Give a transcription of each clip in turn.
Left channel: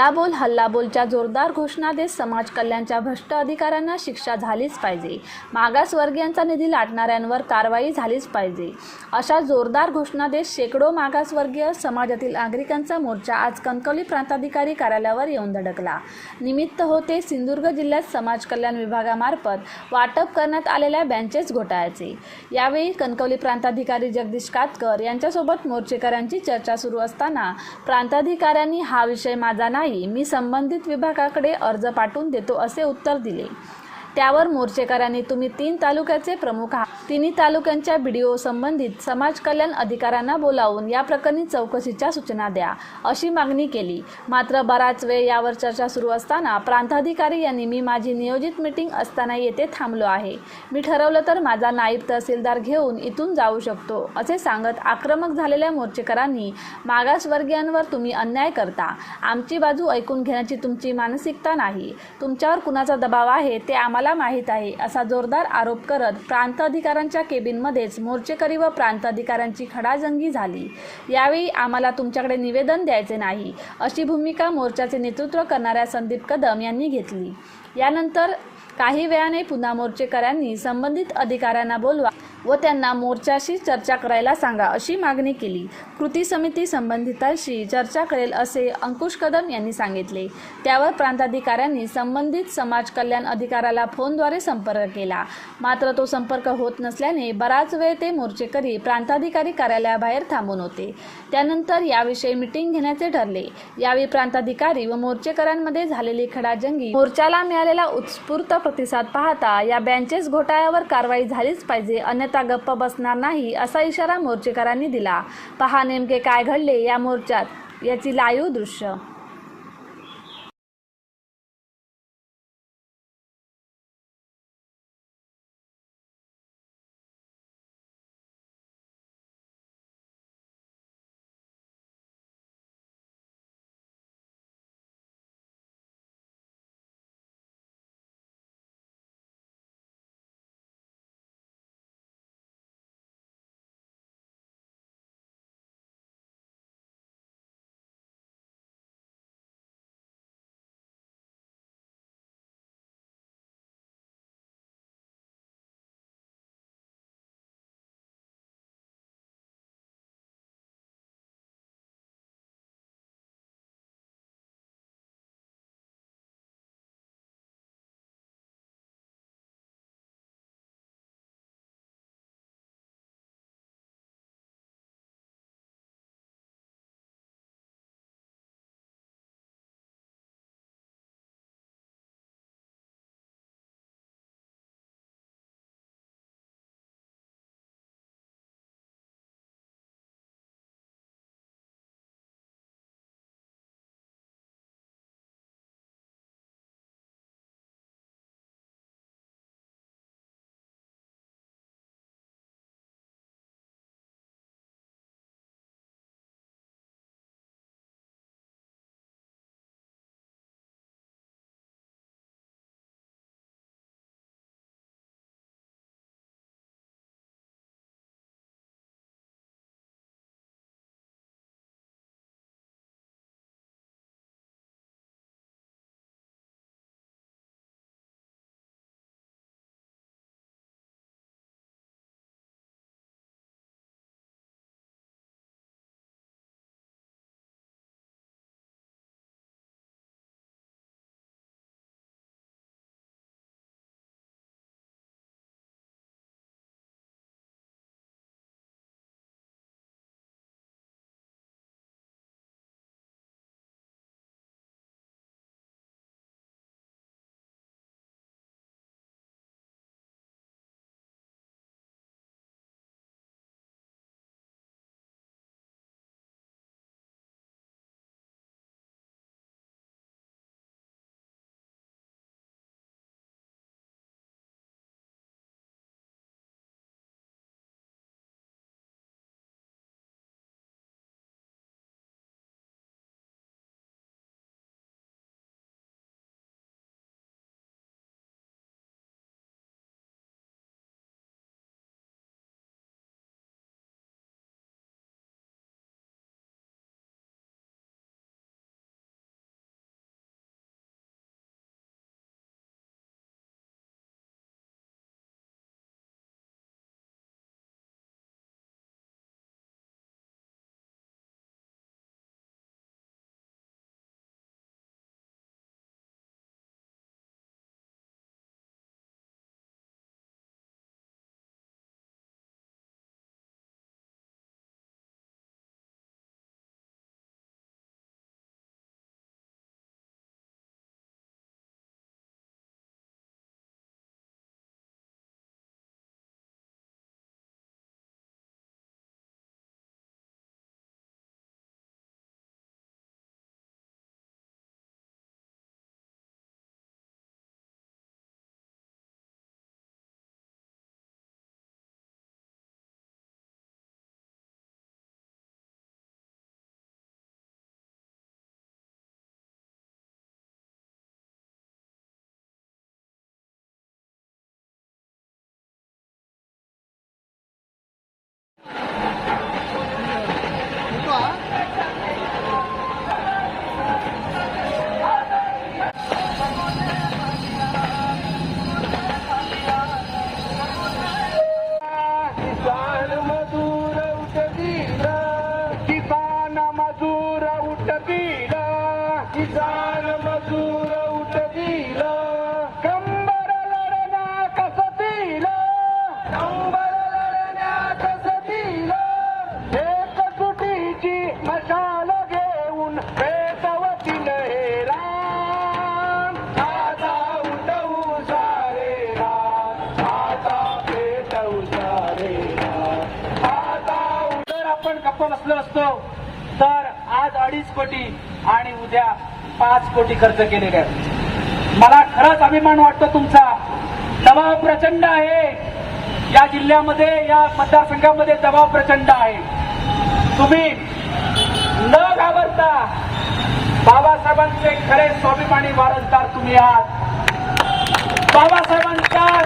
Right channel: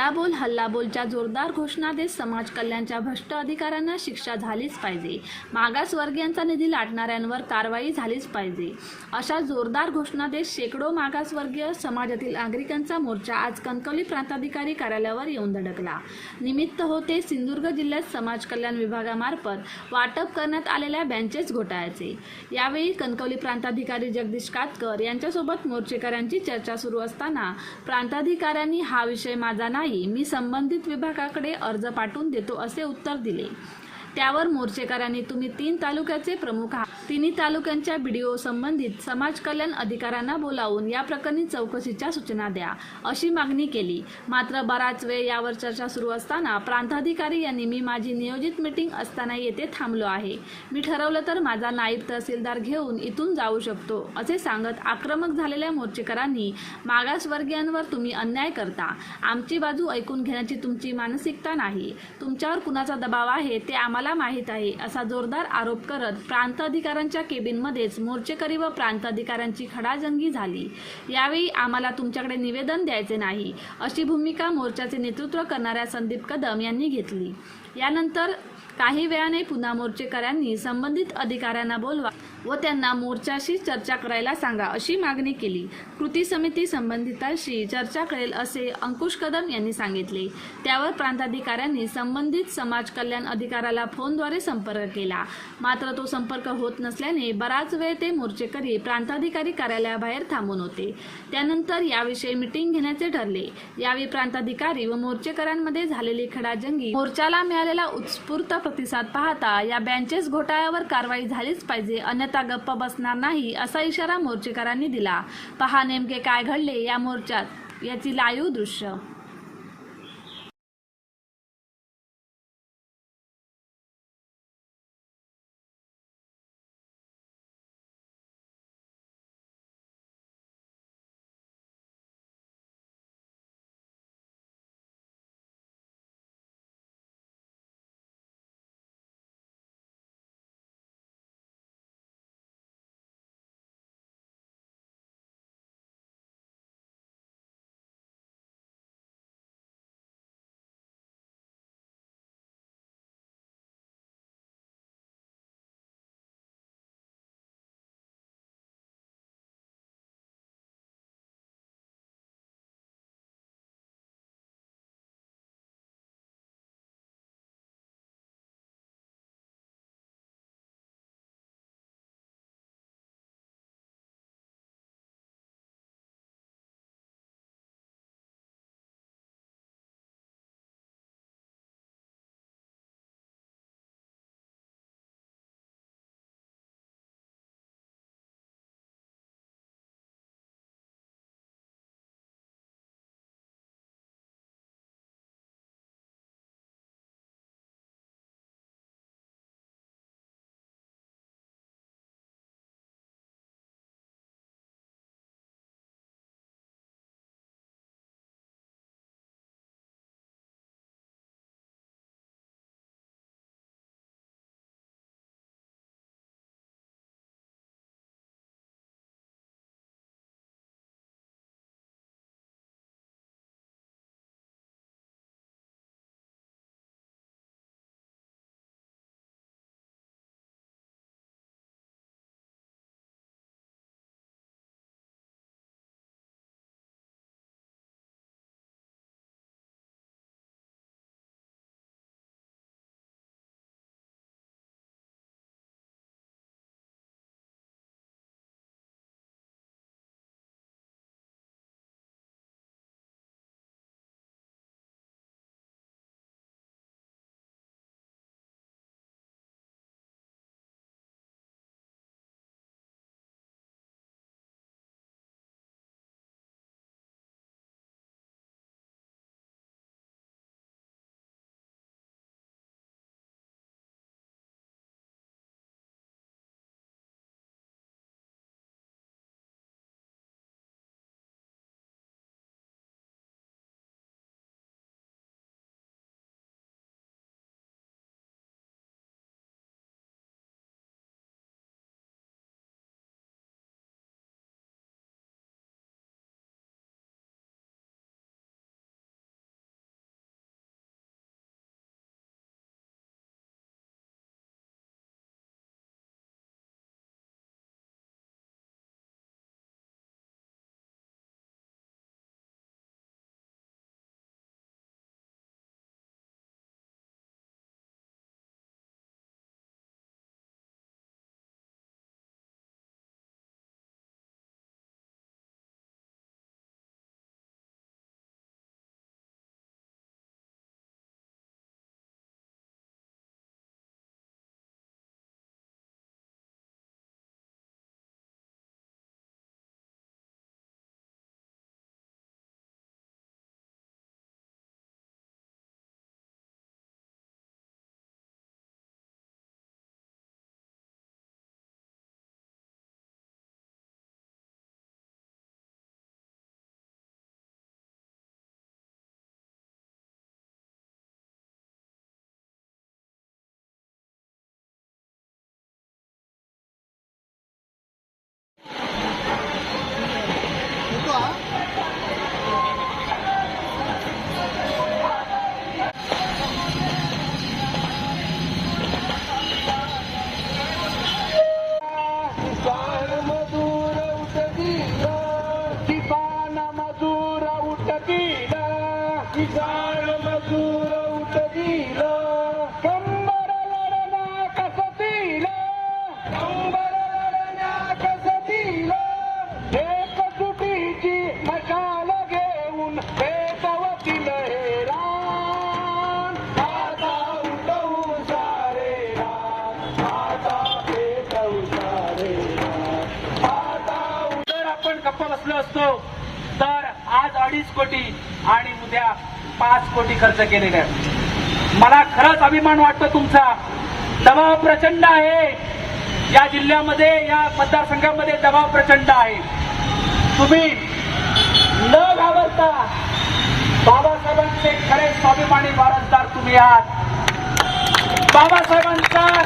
हल्लाबोल हल्लाबोलच्या जोरदार घोषणा देत समाज कल्याणच्या भ्रष्ट अधिकाऱ्यांना शिक्षा झालीच पाहिजे. मागासवर्गीयांचा निधी लाटणाऱ्यांवर कारवाई झालीच पाहिजे. अशा जोरदार घोषणा देत शेकडो मागासवर्गीय समाजातील नागरिकांचा मोर्चा आज कणकवली प्रांताधिकारी कार्यालयावर येऊन धडकला. निमित्त होते सिंधुदुर्ग जिल्ह्यात समाज कल्याण विभागामार्फत वाटप करण्यात आलेल्या बँचेस घोटाळ्याचे. यावेळी कणकवली प्रांताधिकारी जगदीश कातकर यांच्यासोबत मोर्चेकऱ्यांची चर्चा सुरू असताना प्रांताधिकाऱ्यांनी हा विषय माझा नाही. मी संबंधित विभागाकडे अर्ज पाठवून देतो असे उत्तर दिले. त्यावर मोर्चेकऱ्यांनी तुम्ही तीन तालुक्याचे प्रमुख आहात. तिन्ही तालुक्यांच्या बीडीओ संबंधित समाज कल्याण अधिकाऱ्यांना बोलावून या प्रकरणी चौकशीच्या सूचना द्या अशी मागणी केली. मात्र बराच वेळ यावर चर्चा सुरू असताना प्रांताधिकारी यांनी मी माझी नियोजित मीटिंग असताना येथे थांबलो आहे. मी ठरवलं तर माझा नाईब तहसीलदार घेऊन इथून जाऊ शकतो असे सांगत आक्रमक झालेल्या मोर्चेकरांनी मागासवर्गीयांवर तुम्ही अन्याय करता. आमची बाजू ऐकून घेण्याची तुमची मानसिकता नाही. तुमच्यावर कुणाचा दबाव आहे ते आम्हाला माहीत आहे असा जोरदार आरोप करत प्रांत अधिकाऱ्यांच्या केबिनमध्येच मोर्चेकरी व प्रांत अधिकाऱ्यांची खडाजंगी झाली. यावेळी आम्हाला तुमच्याकडे निवेदन द्यायचे नाही अशी भूमिका मोर्चाचे नेतृत्व करणाऱ्या संदीप कदम यांनी घेतली. यानंतर काही वेळाने पुन्हा मोर्चेकऱ्यांनी संबंधित अधिकाऱ्यांना बोलवा व त्यांना मोर्चाशी चर्चा करायला सांगा अशी मागणी केली. कृती समिती संबंधितांशी चर्चा करेल असे अंकुश कदम यांनी सांगितले. त्यावर प्रांताधिकाऱ्यांनी संबंधित समाज कल्याण अधिकाऱ्याला फोनद्वारे संपर्क केला. मात्र तो संपर्क होत नसल्याने बराच वेळ ते मोर्चेकरी प्रांताधिकारी कार्यालयाबाहेर थांबून होते. त्यानंतर याविषयी मिटिंग घेण्याचे ठरले. यावेळी प्रांताधिकारी व मोर्चेकऱ्यांमध्ये झालेली खडाजंगी मोर्चाला मिळालेला उत्स्फूर्त प्रतिसाद पाहता या बँचेस घोटाळ्यावर कारवाई झालीच पाहिजे अन्यथा गप्प बसणार नाही असा इशारा मोर्चेकरांनी दिला. पहा नेमके काय घडले या मोर्चात याची लाईव्ह दृश्य. कोटी आणि उद्या पाच कोटी खर्च केलेले आहेत. मला खरंच अभिमान वाटतो तुमचा. दबाव प्रचंड आहे. या जिल्ह्यामध्ये या मतदारसंघामध्ये दबाव प्रचंड आहे. तुम्ही न घाबरता बाबासाहेबांचे खरे स्वाभिमानी वारसदार तुम्ही आहात. बाबासाहेबांचा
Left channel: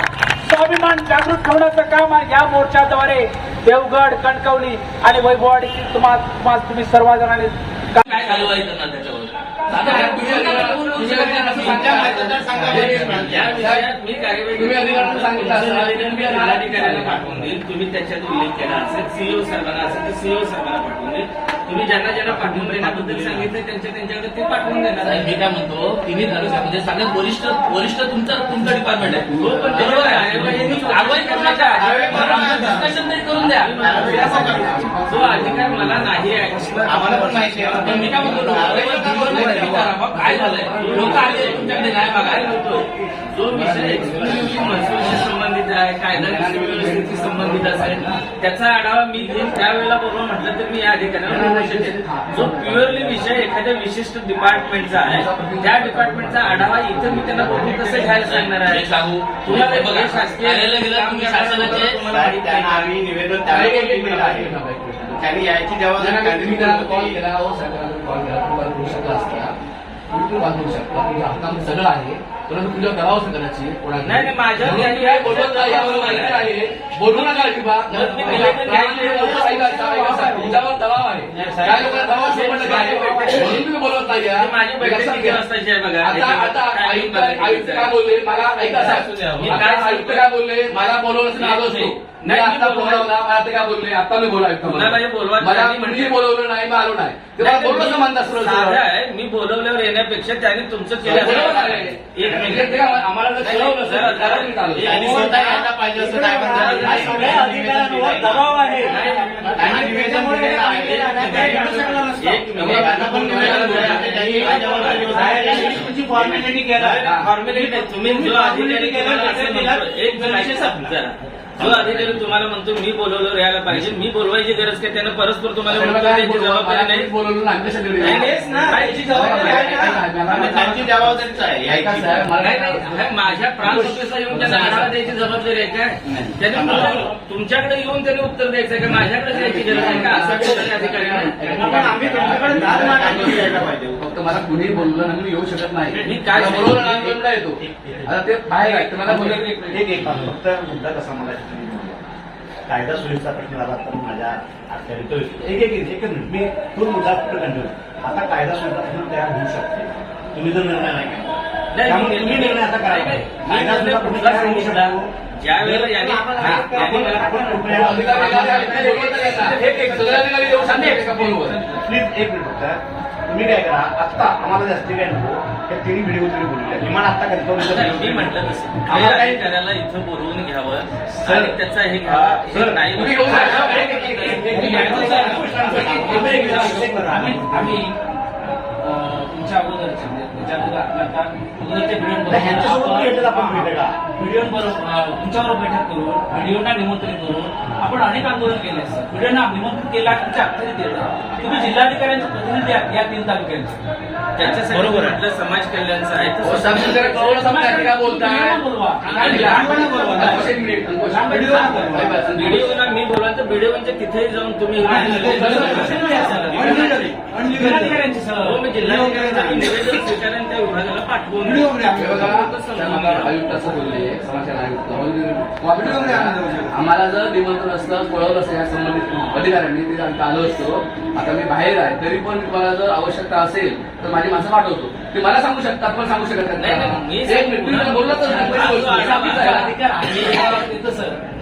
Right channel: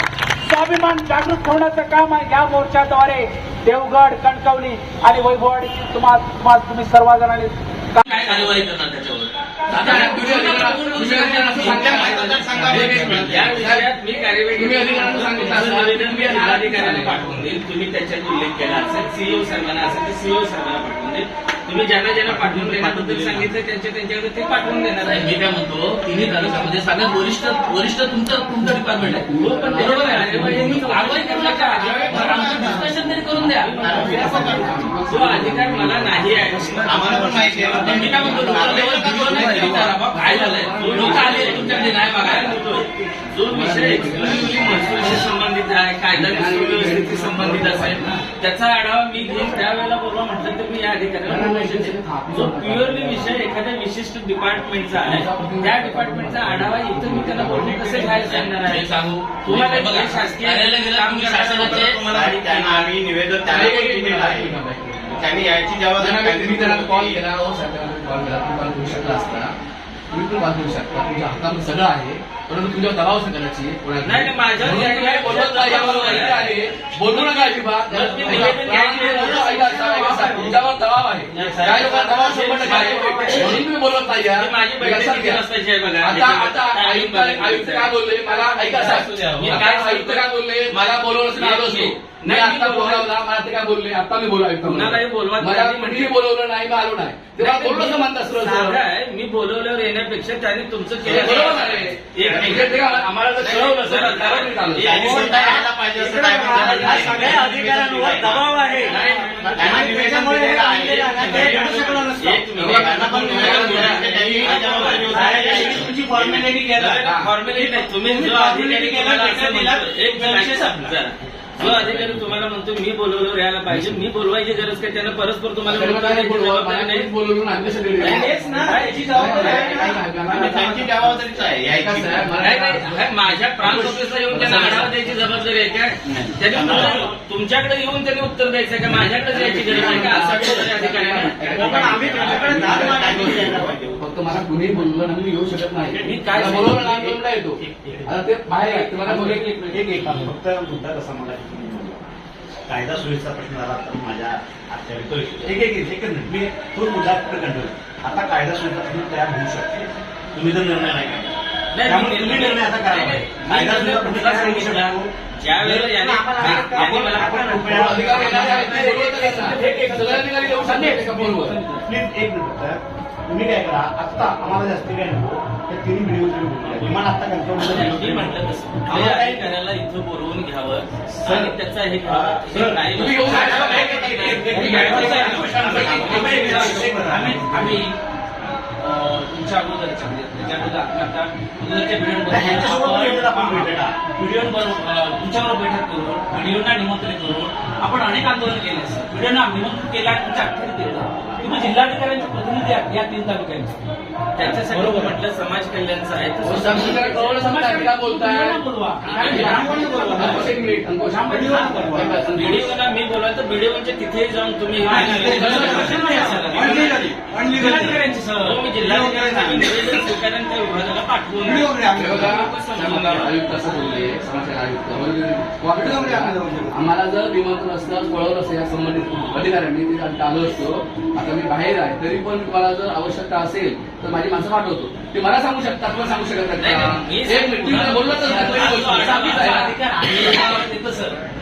स्वाभिमान जागृत ठेवण्याचं काम या मोर्चाद्वारे. देवगड कणकवली आणि वैभववाडी तुम्हाला तुम्हाला तुम्ही सर्वजणांनी काय कार्यवाही करणार त्याच्यावर मी कार्यवाही पाठवून देईल. तुम्ही त्याच्यात उल्लेख केला असेल. सीओ साहेबांना असेल सीओ साहेबांना पाठवून देईल. तुम्ही ज्यांना ज्यांना पाठवून देण्याबद्दल सांगितलं त्यांच्या त्यांच्याकडे ते पाठवून देणार साहेब, मी काय म्हणतो तिन्ही तालुक्यामध्ये सगळ्यात वरिष्ठ वरिष्ठ तुमचं तुमचं डिपार्टमेंट आहे. हो, पण बरोबर आहे. करू नका डिस्कशन तरी करून द्या. तो अधिकार मला नाही आहे. पण मी काय म्हणतो काय झालंय? लोक आले तुमच्याकडे नाही म्हणतोय जो विषय महसूलशी संबंधित आहे कायदा व्यवस्थेशी संबंधित असेल त्याचा आढावा मी घेईन. त्यावेळेला बोलवा म्हटलं तर मी या अधिकाऱ्याला. जो प्युअरली विषय एखाद्या विशिष्ट डिपार्टमेंटचा आहे त्या डिपार्टमेंटचा आढावा इथं मी त्यांना बोलून कसं घ्यायला सांगणार आहे? सांगू. तुम्हाला शासकीय तुम्हाला आम्ही निवेदन त्यांना यायची जबाबदारी मी त्यांना कॉल केला हो कॉल केला तुम्ही कॉल करू शकला असता तुम्ही पण शकता. तुमच्या हातामध्ये सगळं आहे. परंतु. नाही, नाही, यावर माहिती आहे. बोलू नका अजिबात दबाव आहे नाही, साहेब. काय लोकांना दबाव शंभर टक्के आहे. म्हणून तुम्ही बोलवत नाही या. माझी बैठक लक्षात किती घ्या. वाजताची आहे बघा. आता आता आयुक्त आयुक्त काय बोलले मला ऐका असू. मी काय आयुक्त काय बोलले मला बोलवलं मी आलो असतो मी नाही, मी आता बोलवलं. बोलवला मला ते काय बोलले आता मी बोला आयुक्त बोलवा, मला कुणीही म्हटलं- बोलवलं नाही मी आलो नाही तेव्हा नाही, बोलणं मी- समानता साधं सरळ आहे, मी बोलवल्यावर येण्यापेक्षा त्यांनी तुमचं केलं बरोबर आहे एक सगळ्या अधिकाऱ्यांवर दबाव आहे. यायची जबाबदारी होती. फॉर्मॅलिटी तुम्ही जो अधिकारी म्हणतो एक जरा. जो अधिकारी तुम्हाला म्हणतो मी बोलवल्यावर यायला पाहिजे. मी बोलवायची गरज काय? त्यानं परस्पर तुम्हाला द्यायची बोलवलं? जबाबदारी नाही. बोलवलं नाही. नाही, तेच ना. याची जबाबदारी आहे. आणि त्यांची जबाबदारीच आहे. यायची मला नाही. नाही. हे माझ्या प्रांत ऑफिसला येऊन त्यांना आढावा द्यायची जबाबदारी आहे काय त्यांनी तुमच्या- तुमच्याकडे येऊन त्यांनी उत्तर द्यायचं का? माझ्याकडे द्यायची गरज आहे का? असं अधिकारी नाही. आम्ही त्यांच्याकडे पाहिजे. मला कुणीही बोललं ना मी येऊ शकत नाही मी काय बोलवलं नाही येतो आता ते बाहेर आहे तुम्हाला बोलले एक एक फक्त मुद्दा कसा मला. कायदा सुव्यवस्था प्रश्न आला तर माझ्या अखत्यारीत तो. एक एक एक एक मी तो मुद्दा फक्त कंट्रोल आता कायदा सुव्यवस्था प्रश्न तयार होऊ शकते तुम्ही जर निर्णय नाही. नाही, त्यामुळे तुम्ही निर्णय आता नाही, नाही, कायदा. ज्यावेळेला हे तुम्ही काय करा आत्ता आम्हाला जास्ती काय नको त्या तिन्ही व्हिडिओ तुम्ही बोलूया विमान आत्ता कन्फर्म म्हटलं. आम्हाला हे काही- अधिकाऱ्याला इथं बोलवून घ्यावं सर, त्याचा हे घ्यावं हे सर, नाही. आम्ही- तुमच्यावर बैठक करून व्हिडिओना निमंत्रित करून आपण अनेक आंदोलन केले असतात व्हिडिओना निमंत्रित केला तुमच्या अखेरीत येतं तुम्ही जिल्हाधिकाऱ्यांचे प्रतिनिधी आहात या तीन तालुक्यांचे. त्याच्यासाठी म्हटलं समाज कल्याणचं आहे. हो. व्हिडिओला मी बोलवा तर व्हिडिओच्या तिथेही जाऊन तुम्ही विभागाला पाठवून आम्हाला आयुक्त असं बोलले समाजकार्य आयुक्त. कोऑपरेटिव्ह करा. आम्हाला. जर निमंत्रण असतं कळवलं असतं या संबंधित अधिकाऱ्यांनी ते आलो असतो. आता मी बाहेर आहे तरी पण तुम्हाला जर आवश्यकता असेल तर माझी माणसं पाठवतो. ते मला सांगू शकता तुम्हाला सांगू शकत नाही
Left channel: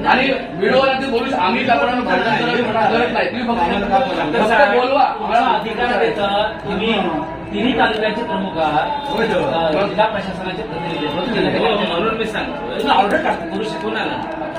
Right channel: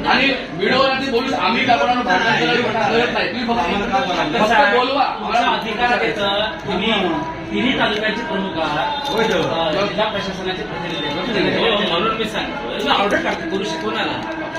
आणि व्हिडिओवरती बोलू आम्ही त्या कोणाला भांडण नाही तुम्ही फक्त बोलवा अधिकार तुम्ही तिन्ही तालुक्याचे प्रमुख आहात जिल्हा प्रशासनाचे प्रतिनिधी म्हणून मी सांगतो ऑर्डर टाकतो कोणाला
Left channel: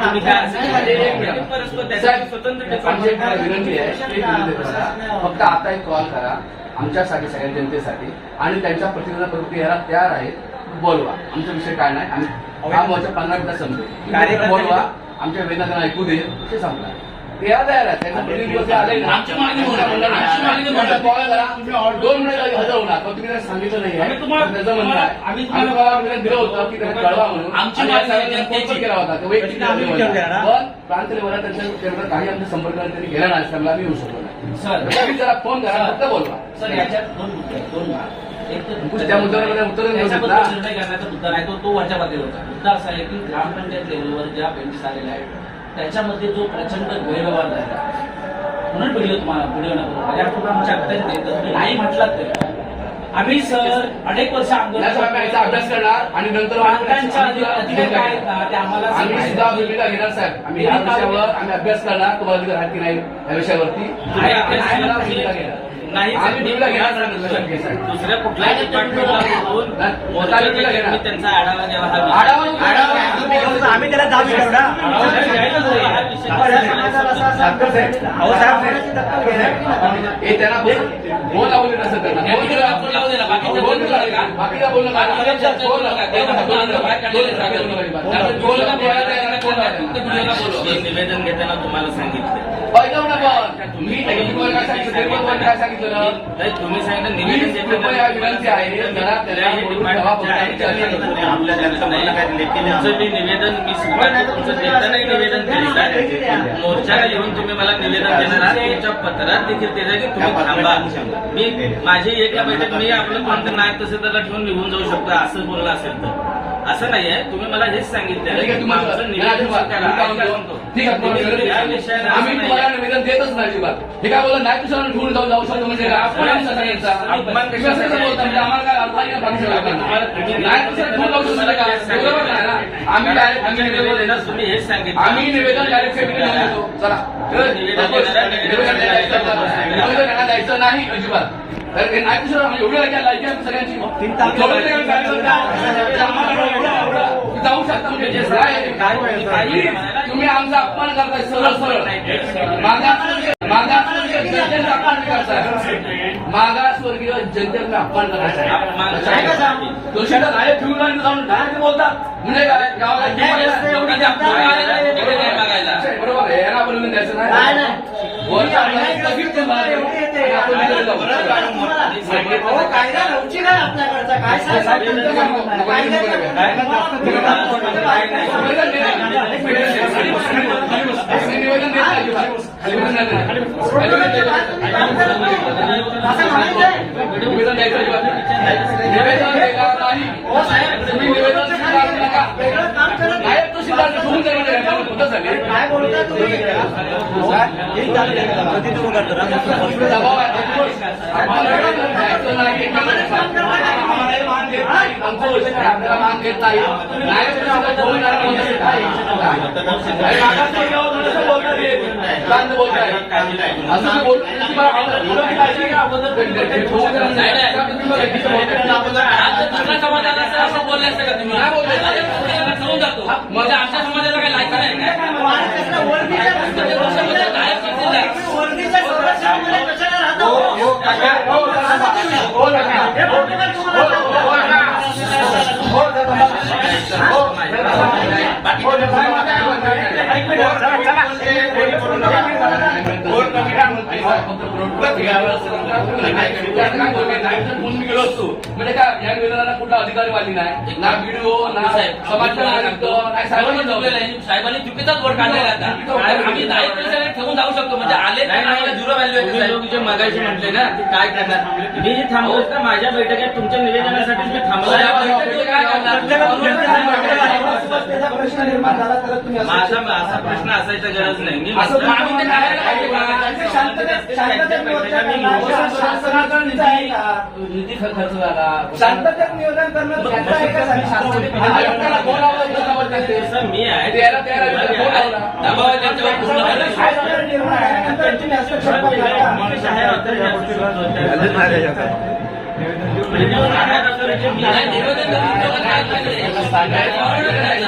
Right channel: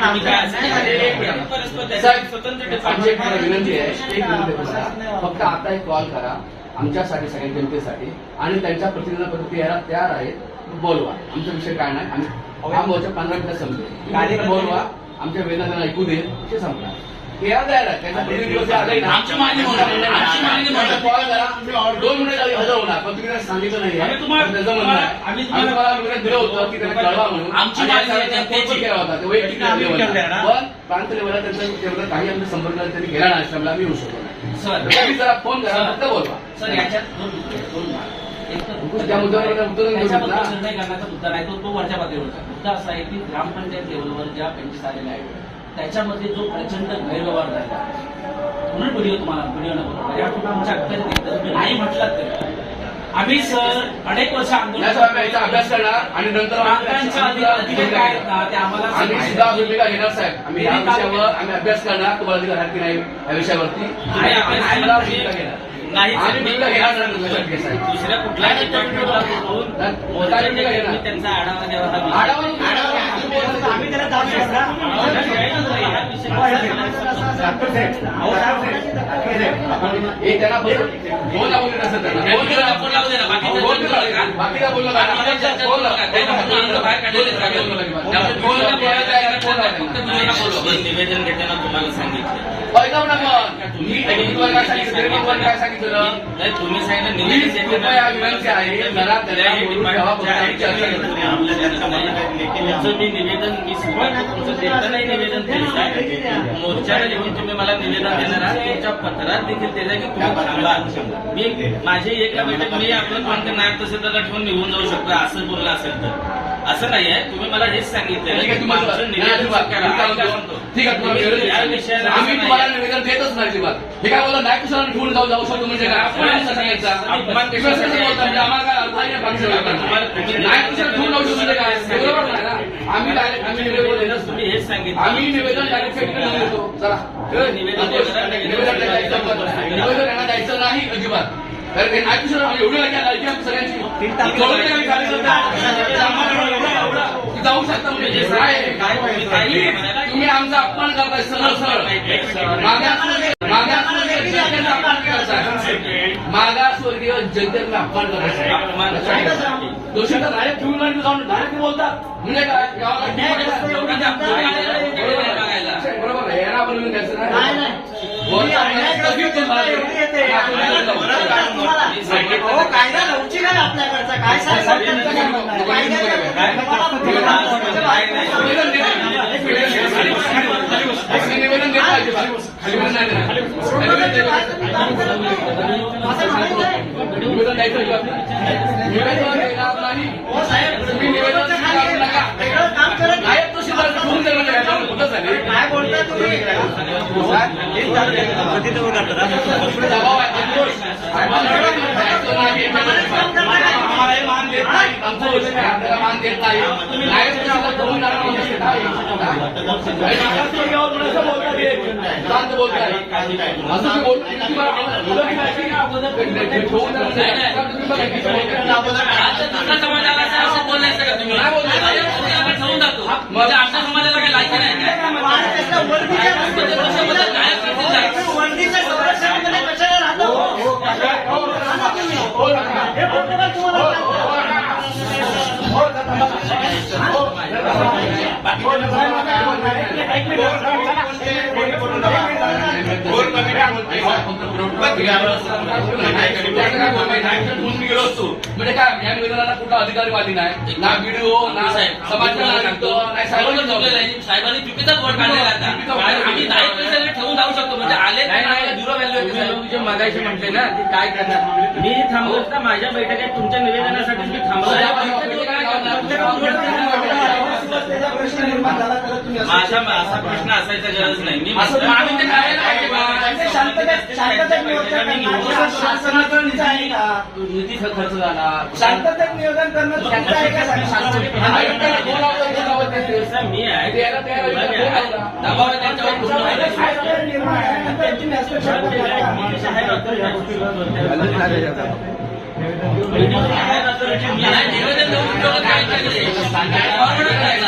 काय असं? परस्पर स्वतंत्र आमची एक डिपार्टमेंट विनंती आहे. एक विनंती आहे तुम्हाला. फक्त आता एक कॉल करा आमच्यासाठी सगळ्या जनतेसाठी आणि त्यांच्या प्रतिनिधी यायला तयार आहेत बोलवा. आमचा विषय काय नाही. आम्ही हा मोर्चा पंधरा मिनिटात संपतो बोलवा. आमच्या वेदना ऐकू दे. ते संपला ते आहे आले ना आमची मागणी आमची मागणी कॉल करा दोन मिनिट हजर होणार पण तुम्ही काही सांगितलं नाही त्याचं म्हणणं आहे आम्ही तुम्हाला- दिलं होतं की त्यांना कळवा म्हणून आमची मागणी केला होता ते वैयक्तिक पण त्यांच्या काही संपर्क त्यांनी गेला नाही आश्रमला आम्ही येऊ शकतो नाही सर तुम्ही जरा फोन करा फक्त बोलवा सर याच्यात दोन दोन त्या मुद्द्यावर उत्तर निर्णय करण्याचा मुद्दा नाही तो तो वरच्या पातळीवरचा मुद्दा असा आहे की ग्रामपंचायत लेवलवर ज्या बेंचेस आलेल्या आहेत त्याच्यामध्ये जो प्रचंड गैरव्यवहार झाला म्हणून व्हिडिओ तुम्हाला व्हिडिओ नको तुम्ही नाही म्हटलात तरी. आम्ही सर अनेक वर्ष आंदोलन अभ्यास करणार आणि नंतर अधिकार काय ते आम्हाला आम्ही सुद्धा भूमिका घेणार साहेब. आम्ही या विषयावर आम्ही अभ्यास करणार. तुम्हाला की नाही या विषयावरती? नाही दुसऱ्या कुठल्याही डिपार्टमेंटला त्यांचा आढावा द्यावा हा आम्ही त्याला जाऊ शकता बाकी निवेदन घेताना तुम्हाला सांगितलं. सांगितलं? तुम्ही सांगितलं निवेदन मी निवेदन मी तुमचं निवेदन दिलं मोर्चाला येऊन तुम्ही मला निवेदन देणार तुमच्या पत्रात देखील दिलं की तुम्ही थांबा. मी माझे एका बैठक मी आपलं कोणतं नाही तसं त्याला घेऊन निघून जाऊ शकतो असं बोललं असेल तर. असं नाही आहे तुम्ही मला हेच सांगितलं ठीक आहे. ठीक आम्ही तुम्हाला. निवेदन देतच नाही अजिबात. हे काय बोलला? नाही कुशाला ठेवून जाऊ जाऊ शकतो म्हणजे काय? आपण असं सांगायचं? अपमान तुम्ही असं कसं बोलता? म्हणजे आम्हाला काय अर्थ आहे या बाकीच्या लोकांना? नाही ठेवून जाऊ शकतो म्हणजे काय? ते बरोबर नाही ना आम्ही डायरेक्ट आम्ही निवेदन देणार तुम्ही हेच सांगितलं. आम्ही निवेदन डायरेक्ट सेक्रेटरी देतो चला. निवेदन निवेदन द्यायचं नाही अजिबात. एवढी आयडिया लायची आम्ही सगळ्यांची. जाऊ शकता म्हणजे तुम्ही आमचा अपमान करताय सर सरळ. मागास जनतेचा अपमान करायचा मागासवर्गीय जनतेला अपमान करायचा दोषीला बोलतात म्हणजे काय? एवढी कायदा लवचिक आहे आपल्याकडचा काय साहेब निवेदन काय बोलता तुम्ही मान देत बोलताय समाजाला असं बोलायचं का तुम्ही माझ्या आशा समाजाला काही लायकी नाही काय गेलो असतो म्हणजे काय या निवेदनाला कुठला अधिकारी वाली नाही ना व्हिडिओ ना समाज साहेबांनी जमले नाही साहेबांनी चुकीचाच वर्ड काढलेला ठेवून जाऊ शकतो म्हणजे आले नाही मगायचे म्हटले ना ते काय करणार मी थांबवत ना माझ्या बैठकात तुमच्या निवेदनासाठी मी थांबवलं काय करणार प्रश्न निर्माण झाला तर तुम्ही माझा असा प्रश्न असायचा गरज नाही. मी असं म्हटलं- माणूस ते काय आहे? का? शांततेत- शांततेत नियोजन करणं शासनाचं निधी आहे का? निधीचा खर्च झाला. शांततेत नियोजन करणं चुकीचं आहे का? सांगा? मी आहे. शासनाचा निर्णय आणि त्यांची हस्तक्षेप करणार का? निवेदन करून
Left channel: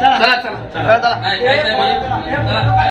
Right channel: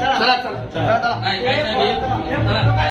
चला चला. चला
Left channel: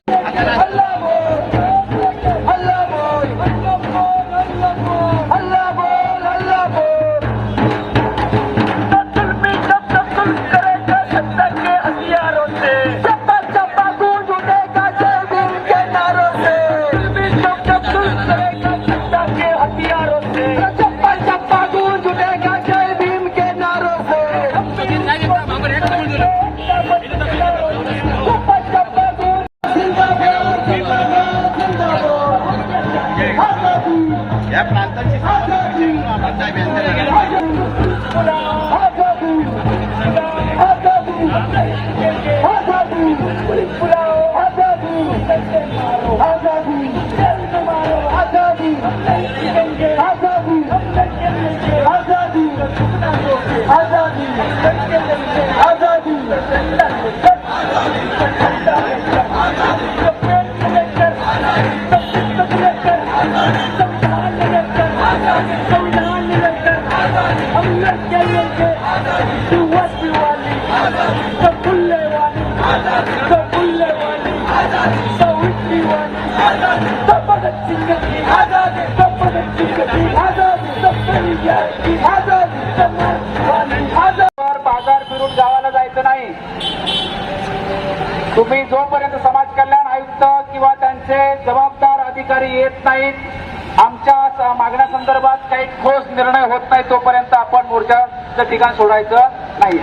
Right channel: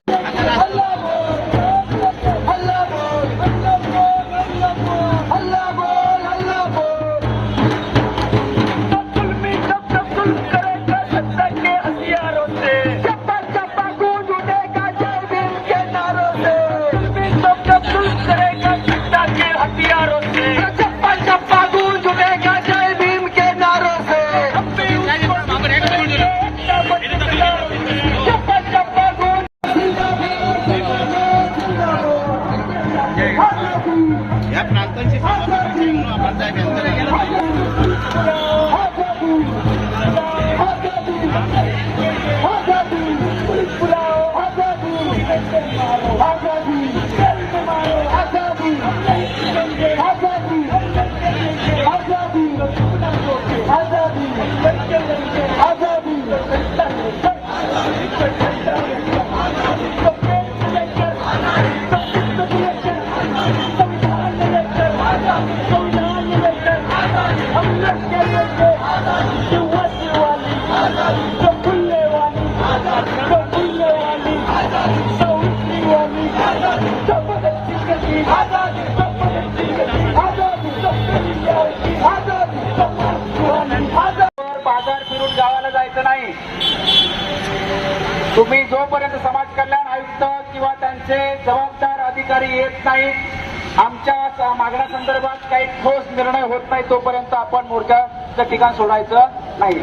जोपर्यंत समाज कल्याण आयुक्त किंवा त्यांचे जबाबदार अधिकारी येत नाहीत आमच्या मागण्यासंदर्भात काही ठोस निर्णय होत नाही तोपर्यंत आपण मोर्चाचं ठिकाण सोडायचं नाही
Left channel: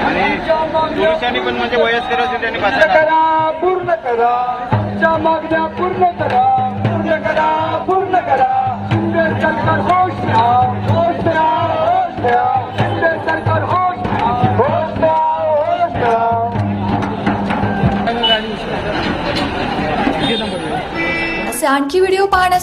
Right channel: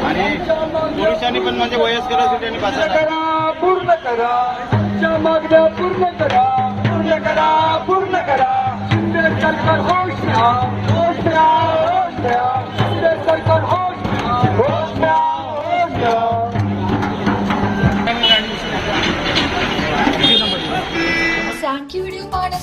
म्हणजे पूर्ण करा आमच्या मागण्या पूर्ण करा पूर्ण करा पूर्ण करा. शिंदे सरकार होश घ्या होश घ्या होश घ्या